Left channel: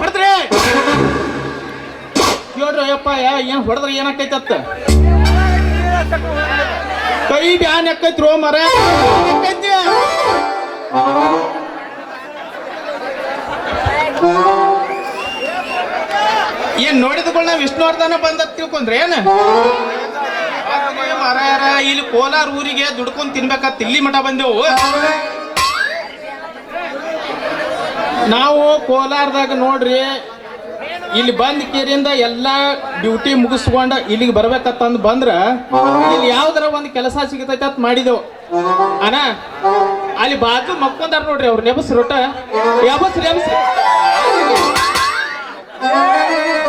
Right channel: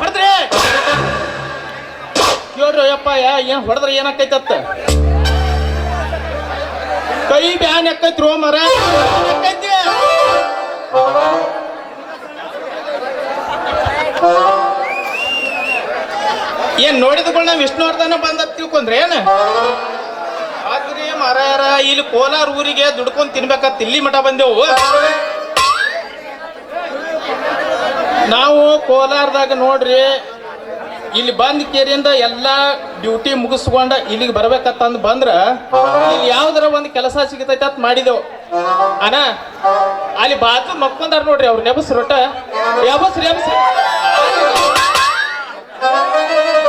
ಹೊಡೆದ್ರಿ ನೋಡ್ರಿ ಯಪ್ಪ ಏನ್ ಹೊಡೆದ್ರೆ ಏನಾಕೈತತ್ತ ಕೈ ಬ್ಯಾನ್ ಯಾಕೈತ್ರು ಮರ ಏನ್ ನೋಡಿದ್ಕೊಳ್ಳ ನಾವ್ ವಿಷ್ಣುವರ್ಧನ ಬಂದ ತಿಳ್ಕೊಂಡ್ರೆ ಏನ ಮರ ಇಲ್ಲಿ ಕೋಲಾರ ಊರಿಗೆ ದುಡ್ಕೊಂಡ್ ತಿನ್ಬೇಕತ್ ಇಲ್ಲಿ ಮಠ ಬಂದೆವು ನಾವು ಕೋಲಾರದಾಗ ನೋಡ್ರಿ ಇಲ್ಲಿ ಬಂದ್ ಕೇರಿಯಿಂದ ಎಲ್ಲಾ ಡ್ಯೂಟಿ ಮುಗಿಸ್ಕೊಂಡ ಇಲ್ಲಿಗೆ ಬರ್ಬೇಕಂತಂದ್ ಬಂದ್ರ ಇಲ್ಲಿ ಯಾವ್ದಾರ ಒಂದ್ ಕೆಲಸ ಸಿಗತೈತೆ ಅಂತ ಮಾಡಿದೆವು ಅಣ್ಣ ಅಲ್ಲಿ ಬಾಜು ಮಕ್ಕೊಂದಾರ ನೋಡ್ರಿ ಅವ್ರು ನೆಬಸ್ ರೊಟ್ಟ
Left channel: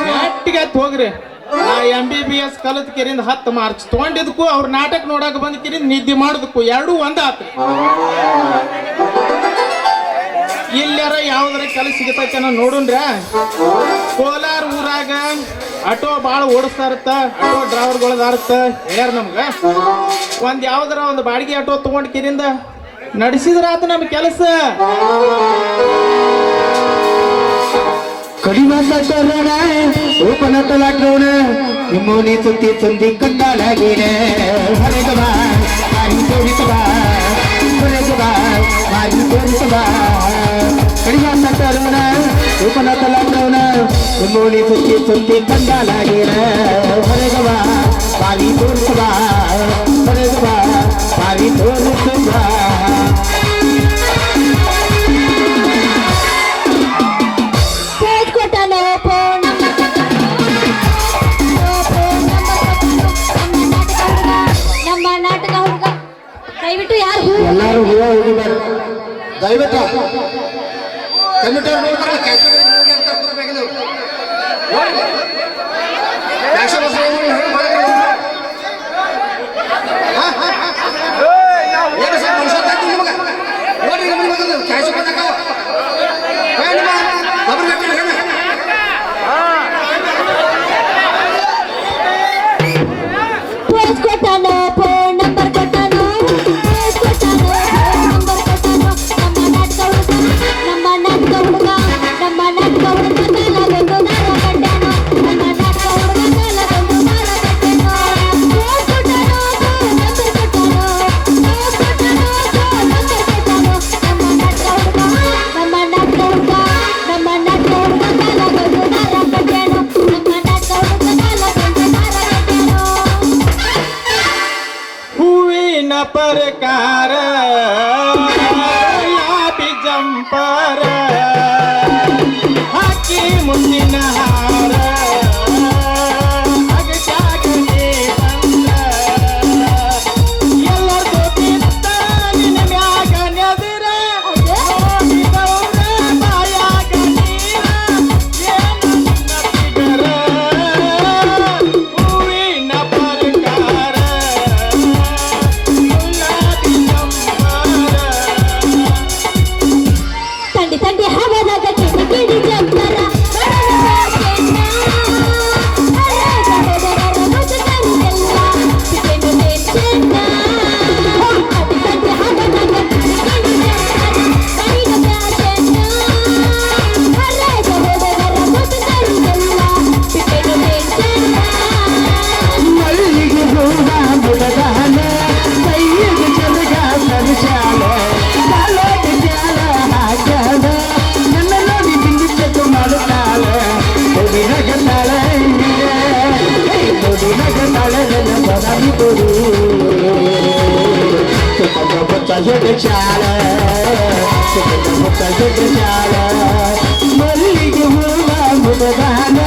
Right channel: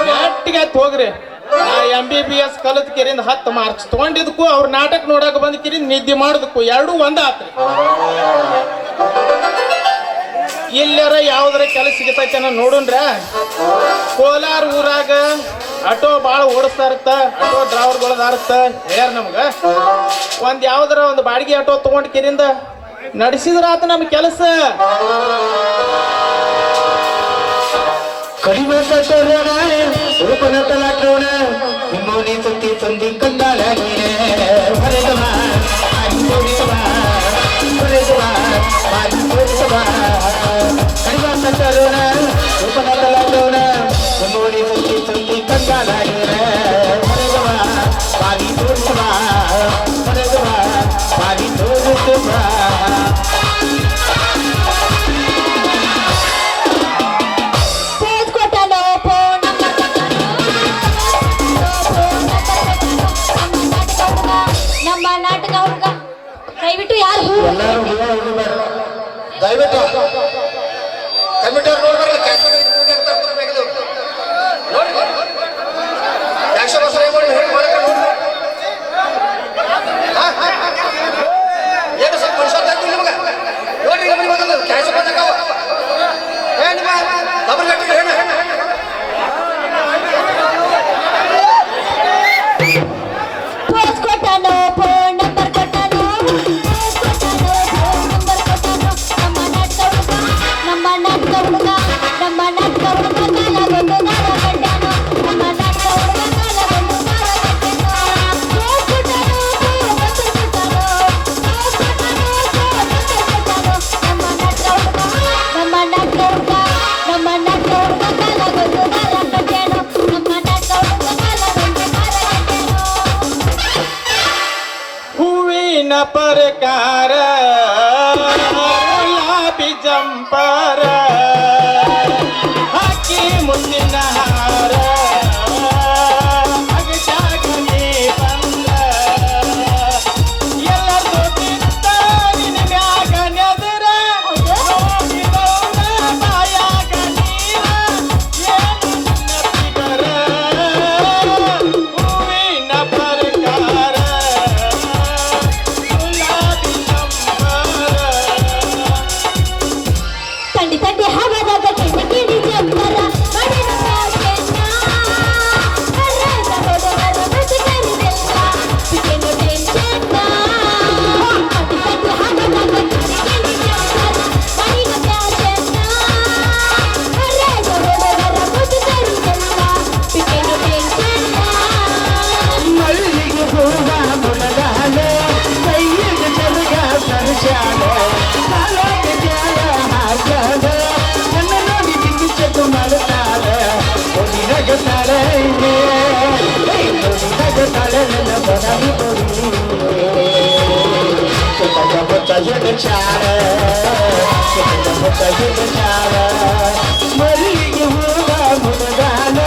ನೆಟ್ಟಿಗೆ ಹೋಗ್ರಿ ನಾ MBBS ಕಲತ್ ಕೇರಿಂದ 10 ಮಾರ್ಚ್ ತಗೊಂಡಿದ್ಕು ಅವ್ರ ನಾಟಕ ನೋಡಕ್ ಬಂದ್ ಕೇರಿಂದ ನಿದ್ದೆ ಮಾಡೋದಕ್ಕೂ ಎರಡೂ ಒಂದ ಆತು ಎಲ್ಲಾರ ಯಾವ್ದಾರ ಕೆಲಸ ಸಿಗತೈತೆ ನಾವು ನೋಡೋಣ್ರ ಕೋಲಾರ ಊರಾಗ ಆಟೋ ಭಾಳ ಓಡಿಸ್ತಾ ಇರತ್ತ ಆಟೋ ಡ್ರೈವರ್ಗಳದಾರತ್ತ ಹೇಳ್ಯಾರ ನಮ್ಗ ಒಂದ್ ಯಾವ್ದಾರ ಒಂದು ಬಾಡಿಗೆ ಆಟೋ ತಗೊಂಡ್ ಕೇರಿಂದ ನಡೆಸಿದ್ರ ಆತ ನಮ್ ಕೆಲಸ ಕಡಿಮೆ ಓಪನ ತಲಾಟೋಣ ನಿಮ್ಮೋನಿ ಸುತ್ತಿ ಸಂದಿ ಕಂಡಾಡಗೀನೆ ಹೊರಗಬಾ ಮಾರಿ ತೋರಿಸಬಾ ಹೊರಗಬಾ ಮಾರಿ ತೋರಿಸಬಾ ಕಡಿಮೆ ತರೋಣ ಓಪನ ತಲಾಟೋಣ ನಿಮ್ಮೋನಿ ಸುತ್ತಿ ಸಂದಿ ಕಂಡಾಡಗೀನೆ ಹೊರಗಬಾ ಮಾರಿ ತೋರಿಸಬಾ ಹೊರಗಬಾ ಮಾರಿ ತೋರಿಸಬಾ ಎಲ್ಲರೂ ಹೂವ ಹೋಗಿದ್ದಾರೆ ದಯವಿಟ್ಟು परकार गुलाबी जंपर हाकी मुंदिन हार अगटागने बंद ಎಲ್ಲರದು ಬಿತ್ತ ನಿನ್ನ ಮ್ಯಾಗ ನೆದರ ನೋಡಿದವನ ಬಾಯಾಗ ನೀರ ಏನು ನಿನ್ನ ಹೂವಿನ ಪ್ರಕಾರ ಮಲ್ಲಿಗೆ ಹೂವ ಮುದಗಾನ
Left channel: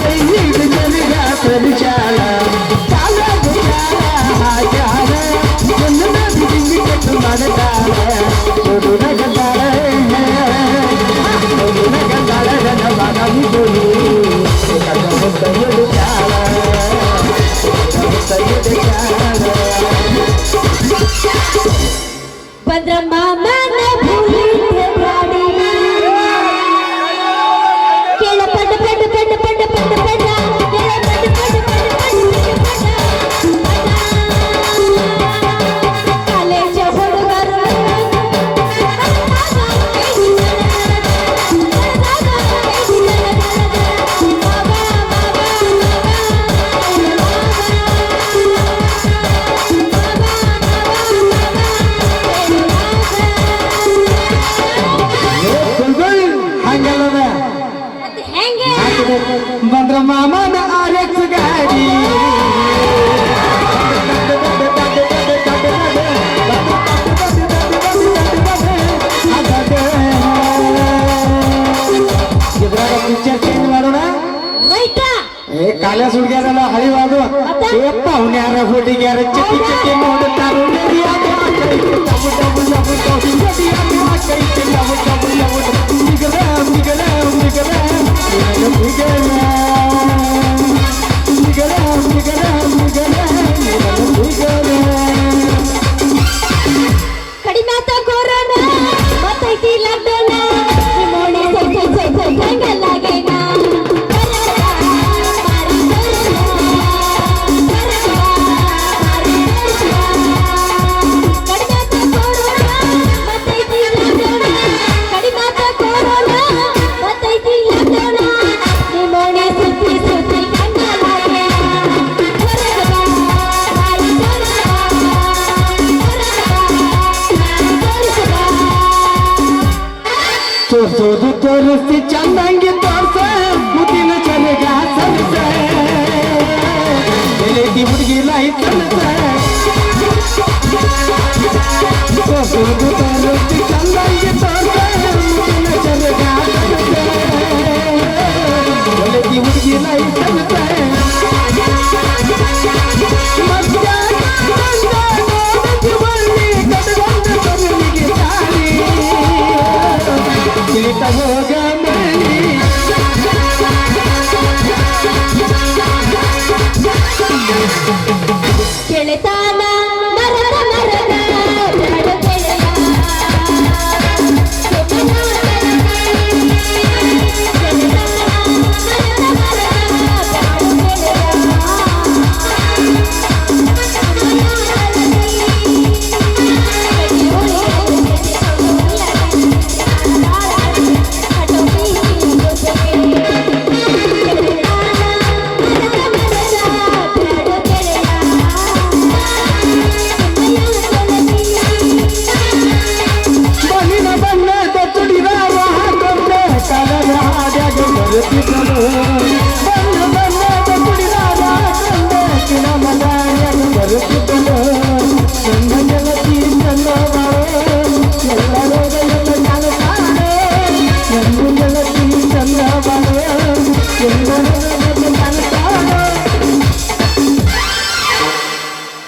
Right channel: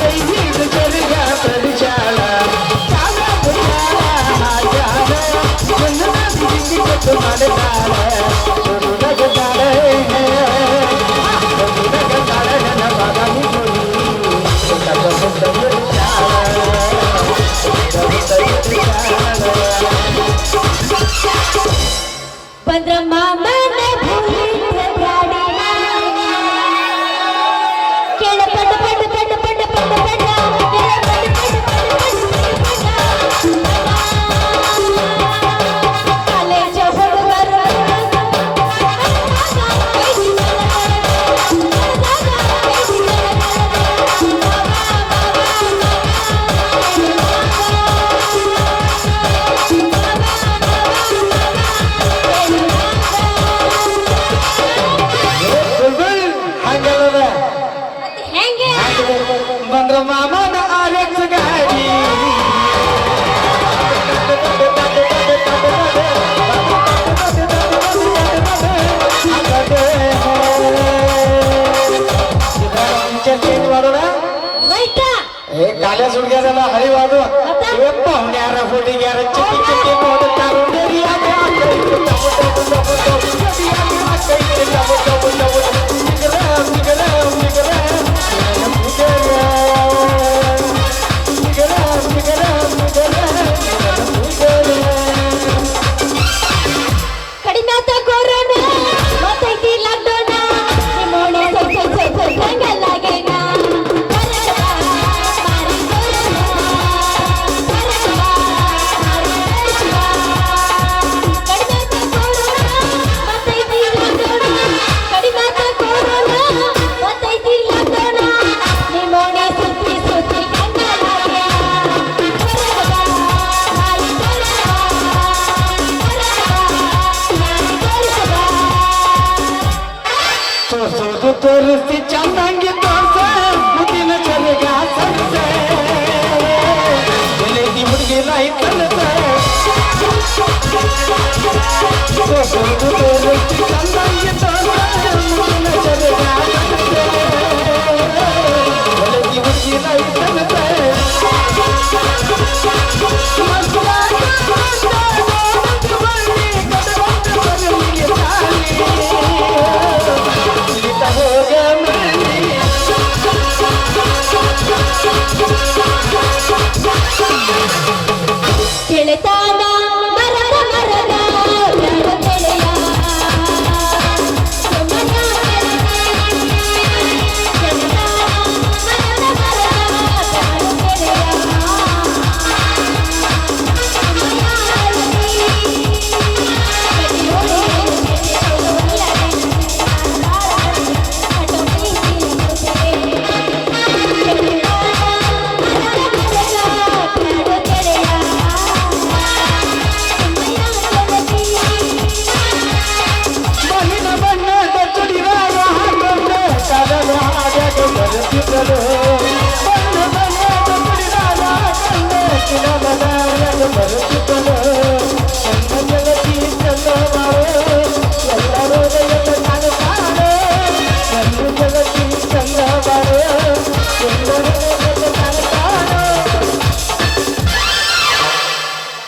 ಕೈಯಿಡು ಚಲಿಗ ಪರಿಚಾಲ ಚಾಲ ಹಾಕ್ಯಾರ ಒಂದು ನದಿ ಕಟ್ಟು ಮಾಡುತ್ತಾಳ ಸುಡು ನಗತಾಳೆ ಸುಡು ನಗತಾಳೆ ನನ್ನ ಬಾಗಿ ಕೊಡಿ ಚಾಲ पंद्रमा मैंने भूली थे गाड़ी केला पट पट पट पट पट पट काले चोहर कर ಬಂದ್ರ ಮಾಮನ RX ಗಾಡಿ ಪಿಕ್ಚರ್ ಚೇಂಜ್ ಮಾಡೋಣ ಹೋಯ್ತಾ ಏ ಕಾಲೇಜ್ ಹುಡುಗಿಯರಲ್ಲ ಹರಿವಾದು ಇವಪ್ಪ ಅವನ್ಯಾರ ಹುಡುಗಿಯರ ಚಟಿ ಚಟಿ ನೋಡುತ್ತಾರು ಕಡಿಮೆ ಆತ ಕೊರೋನಾ ಮತ್ತೈತಿ ಲಾಕ್ಡೌನ್ ನಿಮ್ಮೋಣೆ ಸೈ ಕಲ್ಲಾಗೇನ ತೋರ್ಸೋದು ತೋರಿಸಿ ಚಂದಂಗಿ ತೋರ್ಸ ಮುತ್ತಿನ ಚಲಗ ಸರ್ಸ ಎಲೆಟಿ ಹುಡುಗಿ ಲೈಸನ್ಸ ತೋರ್ಸೋದು ತೋರಿಸಿ ಚಂದಂಗಿ ತೋರ್ಸ ಮುತ್ತಿನ ಚಲಗ ಸರ್ಸ ಎಲೆಟಿ ಹುಡುಗಿ ಲೈಸನ್ಸ ಕೆಳೆತಾನ ಮರದ ಮರದ ಕೆಳೆಯ ಬಣ್ಣ ಬಣ್ಣದ ಚುಡಿದಾರ ಹಾಕೊಂಡೆ ಕಲದ ಹಾಡ್ಯಾಗ ಬರುತ್ತಿದ್ದಳು ಬಣ್ಣ ಬಣ್ಣದ ಚುಡಿದಾರ ಹಾಕೊಂಡೆ ಕಿಲಮದ ಹಾಡ್ಯಾಗ ಬರುತ್ತಿದ್ದಳು ನನ್ನ ಗೆಳತಿ ಚಂದ ಬಾಳೆ ಎಲ್ಲ ರೋಗ ಎಲ್ಲ ಕಾಣುತ್ತಾಳೆ ನನ್ನ ಗೆಳತಿ ಚಂದ ಬಾಳೆ ಎಲ್ಲ ರೋಗ ಎಲ್ಲ ಕಾಣುತ್ತಾಳೆ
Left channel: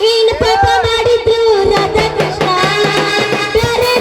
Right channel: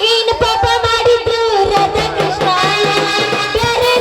ಏನು ಪಾಪ ಮಾಡಿದ್ರು ರಾಧಾ ಕೃಷ್ಣ ಬೇರೆ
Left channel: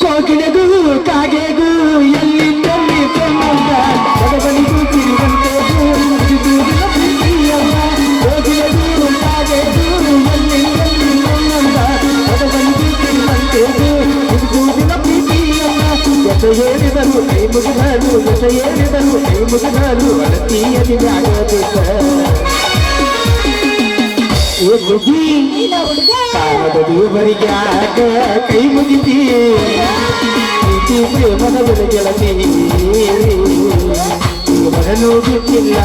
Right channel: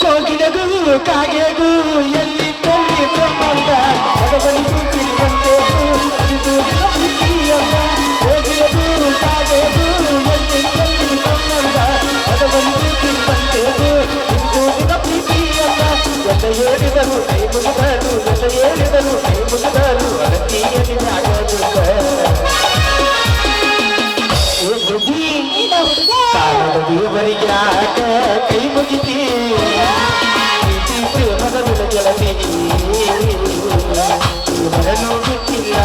ಕೋಗಿಲೆಗೂ ಕಾಗೆಗೂ ಎಲ್ಲಿಂದಲ್ಲಿ ಸಂಬಂಧ ಬಡವನಿಗೂ ಸಿರಿವಂತೆಗೂ ಇದು ಪ್ರೀತಿಯಲ್ಲ ಕೋಗಿಲೆಗೂ ಕಾಗೆಗೂ ಎಲ್ಲಿಂದಲ್ಲಿ ಸಂಬಂಧ ಬಡವನಿಗೂ ಸಿರಿವಂತೆಗೂ ಇದು ಪ್ರೀತಿಯಲ್ಲ ಎಸ ಹೇಳಿದರು ಕೈ ಮುಗಿದಲು ಎಸ ಹೇಳಿದರು ಕೈ ಮುಗಿದಲು ಅಡತಿಯಲ್ಲಿ ಆಗೋದು ಏ ಬುದ್ಧಿ ಕಾಮದ ದೇವರಿಗೆ ಆಗ ಕೈ ಮುಗಿದಿ ಪ್ರೀತಿ ಪ್ರೇಮದ ಬೆಳಗೆಲಗೆ ಮರನೂ ಬಿಟ್ಟಿಲ್ಲ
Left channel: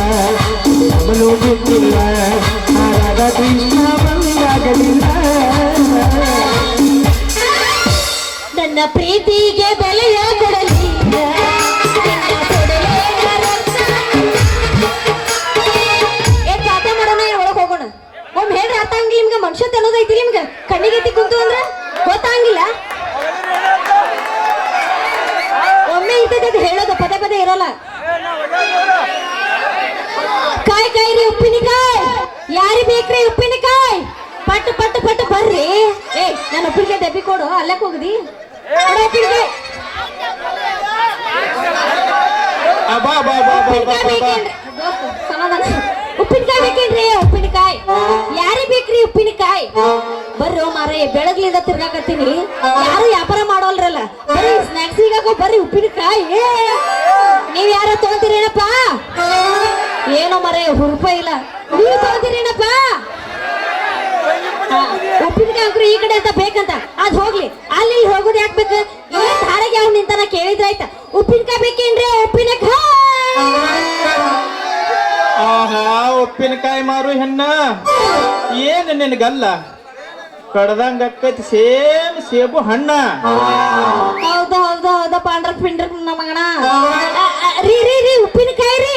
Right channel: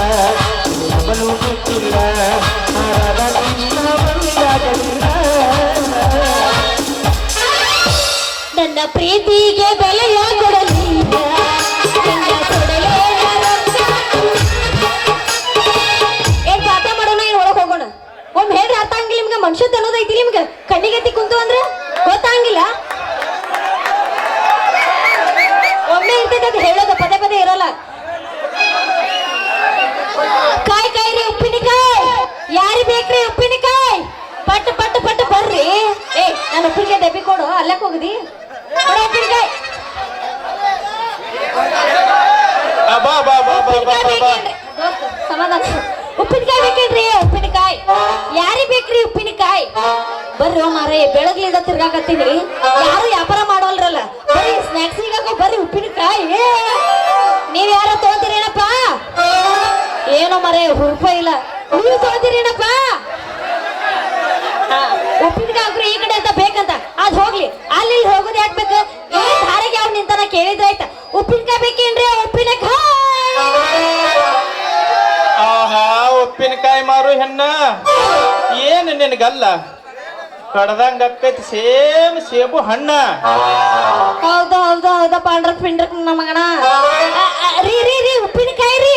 ನಮನೂ ಬಿಟ್ಟಿಲ್ಲ ರಾಧಾ ಕೃಷ್ಣ ಬಂದಾಗಲಿಲ್ಲ ನನ್ನ ಪ್ರೀತಿಗೆ ಬೆಲೆಯ ಕೊಡಲಿಲ್ಲ ಅರ್ಥ ಮಾಡೋಣ ಏನ್ ಒಳಗ್ ಹೋಗೋಣ ಒಮ್ಮೆ ಹೇಳ್ರಿ ಅರ್ಥ ಆಗಿಲ್ಲ ನಿಮ್ಗೆ ಮನುಷ್ಯ ಅನ್ನೋದೈತಿ ನಿಮ್ಗೆ ಕಣ್ಣಿಗೆತ್ತಿ ಕುಂತು ಅಂದ್ರೆ ಗೊತ್ತಾಗಿಲ್ಲ ಒಮ್ಮೆ ಇರ್ತೈತೆ ಅದು ಹೇಳೋದು ಪದೇ ಪದೇ ಇರಲ್ಲ ಕಾಯ್ ಕಾಯ್ರಿ ಉಪ್ಪಿನಕಾಯಿ ಯಾರಿ ಬೇಕ್ರಿ ಉಪ್ಪಿನಕಾಯಿ ಪಟ್ಟು ಪಟ್ಟು ಪಟ್ಟು ಬರ್ರಿ ಏ ನಾನು ಉಪ್ಪಿನಕಾಯಿ ಡಬ್ಬಿ ಕೊಡು ಅಲ್ಲಕ್ಕೆ ಹೋಗದಿ ಉಪ್ಪಿನಕಾಯಿ ಅಬ್ಬಾ ಬಾ ಬಾ ಬಾ ಬಾ ಬಾ ಬಾ. ಸಮಾಧಾನ ಉಪ್ಪಿನಕಾಯಿ ಬೇಕೇನ್ರಿ ಉಪ್ಪಿನಕಾಯಿ ಯಾರಿ ಬೇಕ್ರಿ ಉಪ್ಪಿನಕಾಯಿ ಬರ್ರಿ ಮಾರೇ ಬೆಳಗ್ಲಿಂದ ತಿರ್ಗಾಕತ್ತೀನಿ ಯಾರು ವ್ಯಾಪಾರ ಮಾಡೋಲ್ರಲ್ಲ ಬರೀ ಸ್ನಾಕ್ಸ್ ಈಗಾಗ ಬರ್ರಿ ಉಪ್ಪಿನಕಾಯಿ ನೀವ್ ಯಾರು ತಗೋತೀರೇನಪ್ಪ ಏನೋ ಮರೇ ರೂಪಾಯಿ ಇಲ್ಲ ನೀವು ತಗೋತೀರೇನಪ್ಪ ಅಂಕರು ಈ ಕಡೆ ಅಂತ ಬೇಕಂತ ಅದ್ ಹೋಗ್ಲಿ ಅಲ್ಲಿ ಹೋಗುದು ಯಾಕೆ ಬೇಕು ಈ ಧಾರೆಗೆ ಅವ್ನು ನಿಂತಾನ ಕೇಳಿದ್ರೆ ಆಯ್ತಾ ಉಪ್ಪಿನಕಾಯಿ ಬೇಕೇನ್ರಿ ಉಪ್ಪಿನಕಾಯಿ ಆಹಾ ಉಪ್ಪಿನಕಾಯಿ ಮಾರು ಹೆಣ್ಣ ಏನು ನಿನಗಲ್ಲ ಕಡ್ದಂಗ ಅಕ್ಕೈತಿ ಸೇಮ್ ಸೇಬು ಹಣ್ಣ ಹೌದು ಹೌದು ಹೌದು ಪಾಂಡ್ರ ಪಿಂಡ್ರ ಮಗಣ ರೀ ರೀ ರೀ ಉಪ್ಪಿನಕಾಯಿ ರೀ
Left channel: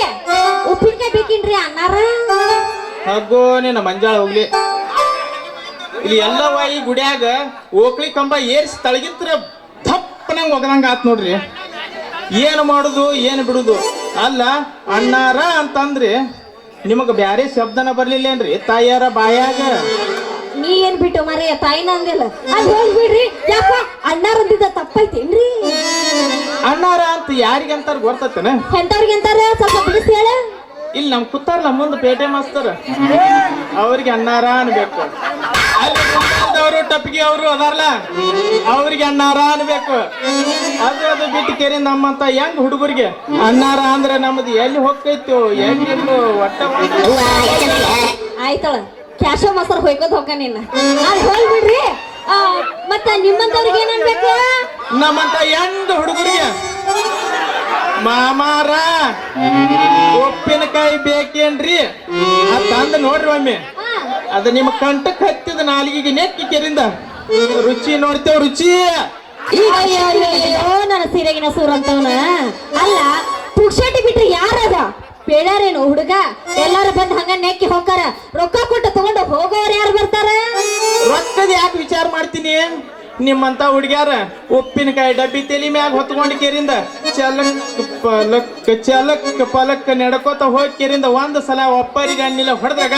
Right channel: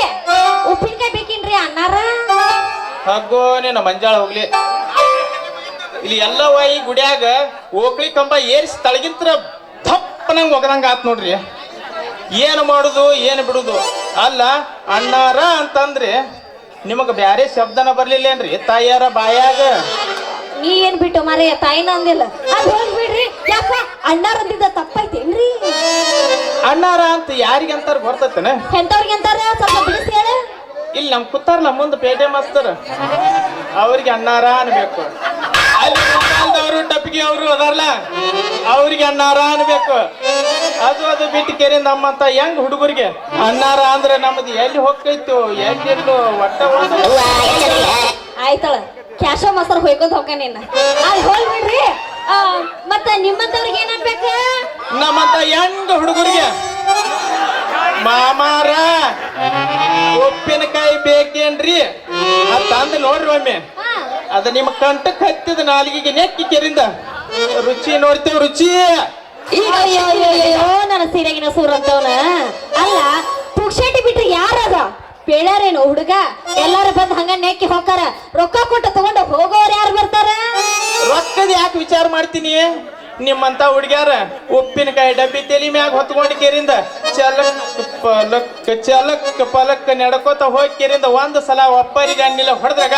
ಉಪ್ಪಿನಕಾಯಿ ಬೇಕೇನ್ರಿ ಅಣ್ಣಾರ ಹಗ್ಗೋ ನಿನ್ನ ಮಂಜಾಳ ಹೋಗ್ಲಿ ಇಲ್ಲಿ ಎಲ್ಲವ ಈ ಗುಡಿಯಾಗ ಓಕ್ಳಿ ಕಂಬ ಏರ್ಸಿ ತಳಗಿತ್ರ ಥಪ್ಪನಂಗ್ ಒಗದಂಗ ಆತ್ ನೋಡ್ರಿ ಏನು ಮಾಡುದು ಏನು ಬಿಡುದು ಅಲ್ಲ ಅಣ್ಣಾರ ಅಂತಂದ್ರಿ ನಿಮಗ ಬ್ಯಾರೆ ಶಬ್ದನ ಬರ್ಲಿಲ್ಲೇನ್ರಿ ತಾಯಿಯಾರ ಬಾಯಾಗ ನೀ ಏನ್ ಬಿಟ್ಟು ಮರೆ ತಾಯಿನ ಅಂದಿಲ್ಲ ಅದ್ ಹೋಗ್ಬಿಡ್ರಿ ಯಾಕ ಅಣ್ಣಾರ ಅಂದಿದ್ದ ತಪ್ಪೈತೇನ್ರಿ ಅಣ್ಣಾರ ಅಂತ ಯಾರಿಗಂತಾರ ಗೊತ್ತತನ ಎಂತವ್ರಿಗೆ ಅಂತಾರ ಸ್ವಲ್ಪ ಬಿಡಿಸಿ ಹೇಳ ಇಲ್ಲಿ ನಮ್ ಕೂತಾರಲ್ಲ ಮುಂದೆ ಪೇಟೆ ಮಾಸ್ತರ್ ಅವ್ರಿಗೆ ಅಣ್ಣಾರ ಅನ್ಬೇಕು ಅವರು ಟಪ್ಪಿಗೆ ಅವರು ಅದಾರಲ್ಲ ಅವ್ರಿಗೆ ಅಣ್ಣಾರ ಅನ್ಬೇಕು ಅದು ಬಿಟ್ಟು ಕೇರಿ ನಮ್ಮಂತ ಹೆಂಗ್ ಹುಡುಗರಿಗೆ ಅಣ್ಣಾರ ಅಂದ್ರೆ ನಮ್ದು ಎಲ್ಲಿ ಹೋಗ್ತೈತು ಎಲ್ಲಿನ್ನು ಒಟ್ಟ ಆಯ್ತಳ ಕ್ಯಾಶೋ ಮಸರ್ ಹೊಯ್ಕೋದ್ ಹೋಗ ನಿನ್ನ ಅಲ್ಲಿ ಹೋಗ್ಬಿಡ್ರಿ ಮತ್ತ ನಿಮ್ಮಂತವ್ರಿಗೆ ಏನ್ ಅನ್ಬೇಕು ನಮ್ಮಂತ ಹೆಂಗ್ ಹುಡುಗರಿಗೆ ಮಾಮಾರ ಉಪ್ಪಿನಕಾಯಿ ಬೇಕೇನ್ರಿ ಅಂತ ನೋಡ್ರಿ ಒಮ್ಮೆ ಅದ ನಿಮ್ಮ ಕಂಠಕ್ಕೆ ಹತ್ತಿದ ನಾಲಿಗೆಗೆ ನೆಕ್ಕಿ ಕೆರಿಂದ ರುಚಿ ನೋಡ್ತೇವ್ ರುಚಿ ಅಯ್ಯೋ ನನ್ನ ಸೀರೆಗಿನ ಸೂರಂತವನ ಅಲ್ಲ ಪುಕ್ಷಟಿ ಬಿಟ್ರೆ ಯಾರದ ಪೇಳಾರೇನು ಹುಡುಗ ಎಲ್ಲಾರು ಬಂದ್ ಹಂಗ ನೆಕ್ಕಿ ಹೋಗಾರ ರೊಕ್ಕ ಕೊಟ್ಟು ತಗೊಂಡು ಹೋಗೋರು ಯಾರು ಬರ್ತಾರ ರೊಕ್ಕದ ಯಾಕೆ ವಿಚಾರ ಮಾಡ್ತೀನಿ ನಿಮ್ಮಂತ ಹುಡುಗ್ಯಾರ ಉಪ್ಪಿನಕಾಯಿ ಡಬ್ಬಿ ತಲಿ ಮ್ಯಾಗ ಹೊತ್ಕೊಂಡ್ ಕೇರಿಂದ ಚಲಕ್ ಪಲಕ್ ನಡ್ಕೋತ ಹೋಗಿ ಕೇರಿಂದ ಒಂದ್ ಸಲ ಒಪ್ಪರಿಗೆ ಅನ್ನಿಲ್ಲ ಹೊಡೆದಾಗ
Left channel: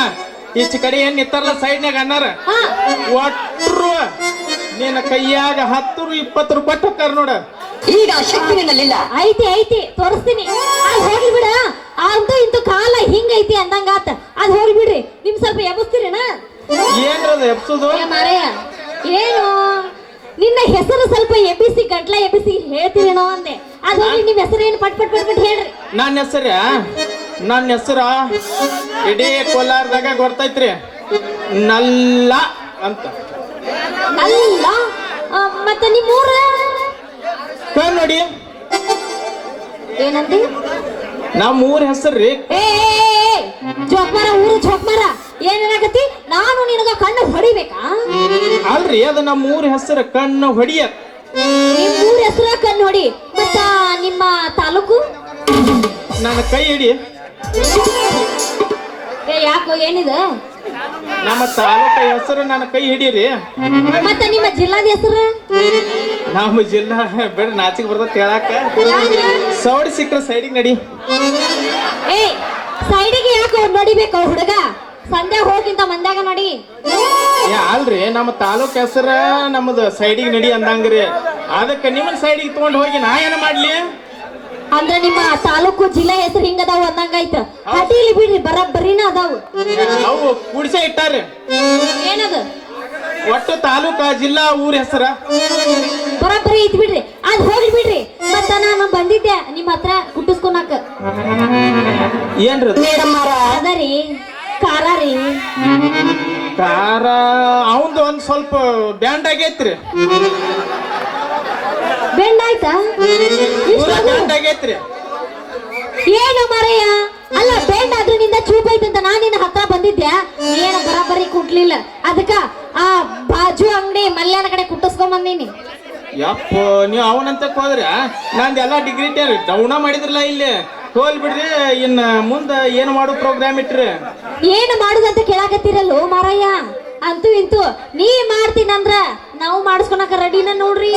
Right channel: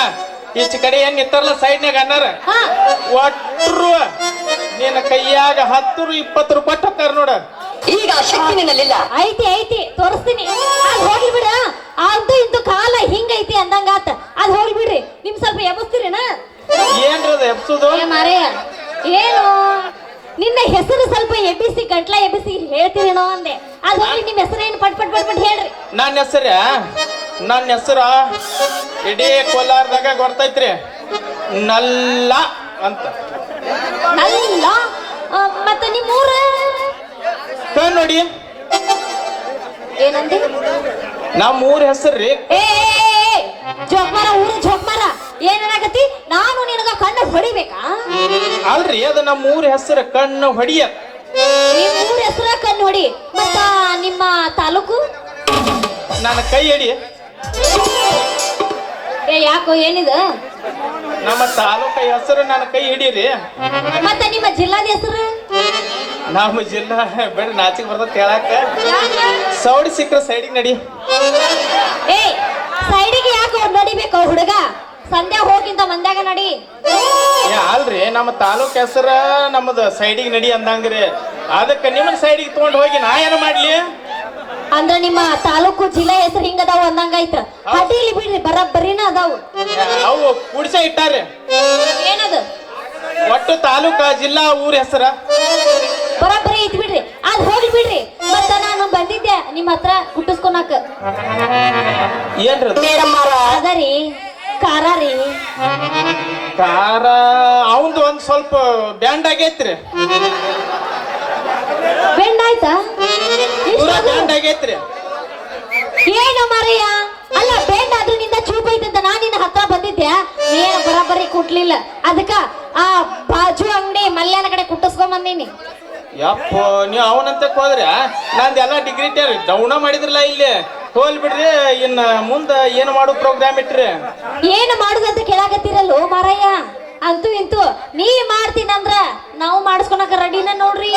ಈಚ ಕಡೆ ಏನ್ ನಿತ್ತಾರಲ್ಲ ಸೈಡ್ನ್ಯಾಗ ಅನ್ನಾರ ಒಟ್ರು ನಿನ್ನ ಕೈಯಾಗ 10-20 ರೂಪಾಯಿ ಹೋಗ್ತಾರ ನೋಡ ಈಗ ಶಕ್ತಿ ನಿನ್ನಲ್ಲಿಲ್ಲ ಐತಿ ಐತಿ ತೋರಿಸ್ತೀನಿ ಅದ್ ಹೋಗಿ ಬಿಡ ಅಂತೂ ಇಂತೂ ಕಾಲ ಹಿಂಗೈತಿ ಅಂದಂಗಾತ ಅದ್ ಹೋಗಿ ಬಿಡ್ರಿ ನಿಮ್ ಸ್ವಲ್ಪ ಎಬ್ಬಿಸ್ತೀರೇನ ಏನ್ರದ ಎಬ್ಸುದು ಮಾರಯ್ಯ ಏನು ನಿನ್ನ ಹೆಸರು ಸ್ವಲ್ಪ ಎಬ್ಬಿಸಿ ಗಟ್ಲ ಎಬ್ಬಿಸಿ ಹೇಳ್ತೀರೇನೋ ಅಂದೆ ಅದ್ ಹೋಗಿ ನಿಮ್ ಹೆಸರು ಏನು ಪಟ್ ಪಟ್ ಪಟ್ ಪಟ್ ಹೇಳ್ರಿ ನನ್ನ ಹೆಸರ ಇಡೀ ಕೋಲಾರದಾಗ ಗೊತ್ತೈತ್ರಿ ನಲ್ಲ ಅಂತ ಅಲ್ಲ ಮತ್ತೆ ನಿಮ್ ಊರ ನೋಡಿ ಏನಂದಿ ನಮ್ಮ ಊರ ಹೆಸರ್ರಿ ಏ ಜೋಕ್ಮಾರ ಊರು ಜೋಕ್ಮಾರ ಏನಾಗತ್ತಿ ನಾನು ನಿನಗ ಕಣ್ಣು ಹೊಡಿಬೇಕಾ ಅಲ್ರಿ ಅದು ನಮ್ಮ ಊರ ಹೆಸರು ಕಣ್ಣು ಹೊಡಿಯ ನಿಮ್ ಊರ ಹೆಸರ ಕಣ್ಣು ಹೊಡಿ ಮತ್ತ ನಿಮ್ಮ ತಾಲೂಕು ನನ್ನ ಕೈ ಹಿಡಿ ಯಾಕೋ ಏನಿದು ನಮ್ಮ ತಾಲೂಕ ಹೆಸರು ನನ್ನ ಕೈ ಹಿಡೀರಿ ಮತ್ತೆ ನಿಮ್ಮ ಜಿಲ್ಲಾದ ಹೆಸರು ನಮ್ಮ ಜಿಲ್ಲಾ ಬಿಡ ನಾಚಿಗೆ ಬರ್ತದ ಹೇಳಾಕ ಸೌಡಿ ಸಿಕ್ಕ್ರ ಸೈಡಿಗೆ ನಡಿ ಏ ಸೈಡಿಗೆ ಯಾಕೆ ನಡಿಬೇಕು ಹುಡುಗ ಸಂಧ್ಯಾ ಹೋಗಿಂತ ಮಂದ್ಯಾಗ ನಡಿ ಅಲ್ರಿ ನಮ್ಮ ತಾಲೂಕ್ ಹೆಸರ ನಮ್ಮದ ಸೈಡಿಗೆ ನಡಿ ಅಂದಂಗ್ರಿ ಅದಕ್ಕೆ ನಿಮ್ಮ ಸೈಡಿಗೆ ತಗೊಂಡ್ ಹೋಗಿ ನಾ ಏನ ಮಾಡ್ಲಿ ಅಂದ್ರ ನಿಮ್ಮ ತಾಲೂಕು ಜಿಲ್ಲಾ ಹೆಸರು ಹಿಂಗದಾವು ಅಂದಂಗಾಯ್ತ ಅಡ್ಡಿಲಿ ಬಿಡ್ರಿ ಬರೀನ ಅದಾವು ಅವು ಕುಡಿಸ ಇಟ್ಟಾರೆ ಏನದು ಒಟ್ಟು ತಾಲೂಕ ಜಿಲ್ಲಾ ಊರ ಹೆಸರ ಬರೀ ಐತಿ ಬಿಡ್ರಿ ಅದ್ ಹೋಗಿ ಬಿಡ್ರಿ ಮತ್ತ ನಾನು ಬಂದಿದ್ದೆ ನಿಮ್ಮ ಹತ್ರ ಕುಟ್ಟಿಸ್ಕೊನಾಕ ಏನ್ರಿ ಅದರಿ ಖಾರ ರೀ ಖಾರ ಅವಂದು ಒಂದ್ ಸ್ವಲ್ಪ ಬ್ಯಾಂಡ್ ಆಗೈತ್ರಿ ಬೆಂಡ್ ಆಯ್ತಾ ಬ್ಯಾಂಡ್ ಆಗೈತ್ರಿ ಏನು ಮಾರಯ್ಯ ಅಲ್ಲ ಬೆಂಡ್ ಆದ್ರೆ ನಿಂದ ಚೂಪ್ ಐತಂತ ನಾನು ನಿನ್ನ ಹತ್ರ ಬಂದಿದ್ದೆ ಏನು ಬರಾಬರಿ ಕುಟ್ಲಿಲ್ಲ ಅದಕ್ಕ ಆ ಬಾಜು ಅಂಗಡಿ ಮಲ್ಯಾನ ಕಡೆ ಕುಟ್ಟಿಸ್ಕೊಂಡ್ ಬಂದೀನಿ ಯಪ್ಪ ನೀವು ಅವನಂತ ಹೋದ್ರೆ ನಂದೆಲ್ಲ ಡಿಗ್ರಿ ಡೌನ ಮಾಡಿದ್ರಲ್ಲ ಇಲ್ಲಿ ಹೋಲ್ ಬಿಡ್ರಿ ಇನ್ನ ಮುಂದ ಏನು ಮಾಡೋ ಪ್ರೋಗ್ರಾಮ್ ಇಟ್ರಿ ಏನು ಮಾಡುದಂತ ಕೇಳಾಕತ್ತಿರಲ್ಲೋ ಮಾರಯ್ಯ ಅಂತೂ ಇಂತೂ ನೀ ಮಾಡ್ತೀನಂದ್ರ ನಾವು ಮಾಡಿಸ್ಕೊಳಕ ರೆಡಿನ ನೋಡ್ರಿ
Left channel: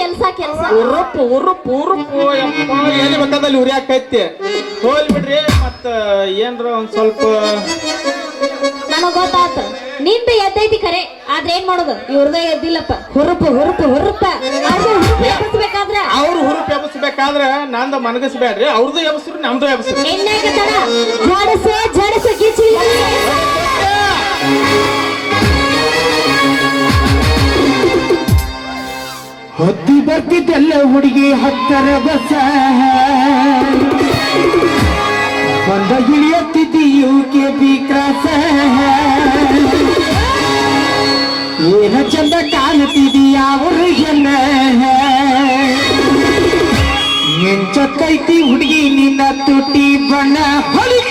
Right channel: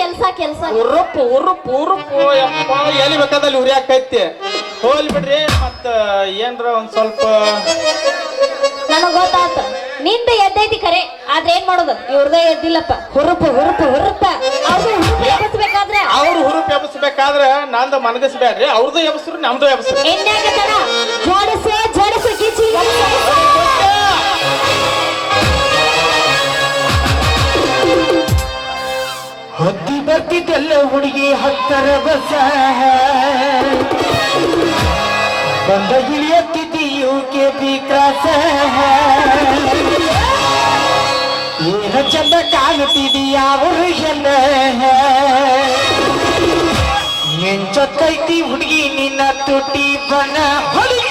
ಕೆಲ್ಸ ಕೆಲ್ಸ ಉರುಪ್ಪು ಉರುಪ್ಪು ಉರುಪ್ಪು ಯಪ್ಪ ಎಲ್ಲಿ ಬೇಕಾದಲ್ಲಿ ಉರಿ ಹಾಕೈತಿ ಹೋಲ್ ಬಿಡ್ರಿ ಮತ್ತ ಏನ್ರ ಒಂದ್ ಸ್ವಲ್ಪ ನನಗ್ ಗೊತ್ತಾತ ನಿಂದ ಎದ್ದೈತಿ ಖರೆ ಆದ್ರೆ ಏನ್ ಮಾಡೋದು ಇವ್ರದೇ ಎದ್ದಿಲ್ಲಪ್ಪ ಹುರುಪು ಹುರುಪು ಹುರುಪ ಎಬ್ಬಿಸ್ಬೇಕಾದ್ರೆ ಅವ್ರು ಹುರುಪ್ ಎಬ್ಬಿಸ್ಬೇಕಾದ್ರ ನಂದು ಮನಗಸ್ಬೇಡ್ರಿ ಅವ್ರದ್ದು ಎಬ್ಬಿಸ್ರು ನಮ್ದು ಎಬ್ಬಿಸ್ರು ಎಣ್ಣೆಗತನ ಜೋಡಿಸು ಜೋಡಿಸು ಗಿಚ್ಚಿ ಹದ್ದಿ ಬರ್ತಿದ್ದೆಲ್ಲ ಹುಡುಗಿ ಹತ್ತರ ಬಸ ಬಂದ ಇಳಿಯತ್ತಿದ್ದಿ ಯುಕೆ ಬಿ ಕ್ರಾಸ ಚಂದ ಕಾಣುತ್ತಿದೀಯ ಅವ್ರಿಗೆಲ್ಲ ಮಿಂಚಕ್ಕೈತಿ ಹುಡುಗಿ ನಿನ್ನ ತುಟಿ ಬಣ್ಣ ಹೊಲಿಗೆ